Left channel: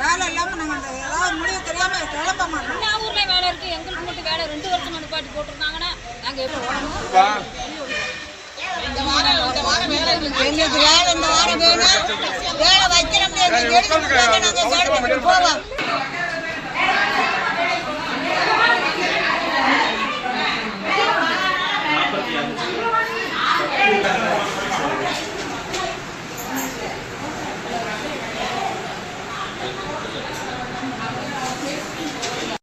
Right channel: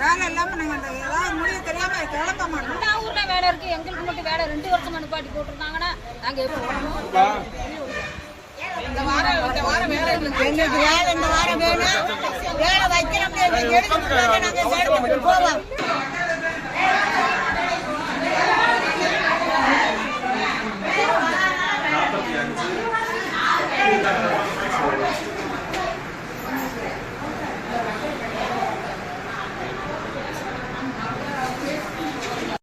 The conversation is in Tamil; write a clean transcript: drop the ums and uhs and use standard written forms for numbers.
வேலை இல்லாம நாங்க ஏதாவது முடிவு தெரியாம கிளம்ப மாட்டோம். எல்லா ஊர்ல வேலை இருக்கு, எங்களுக்கு மட்டும் வேலை 2 வருஷம் நிப்பாட்டி போட்டுருந்தாங்கன்னா நாங்க எப்படி போகணும்? இந்த வாரம் வேலை எங்களுக்கு வேலை இந்த வாரம் வேணும். வேலை வைக்கிறோம், நாங்க போவோம்.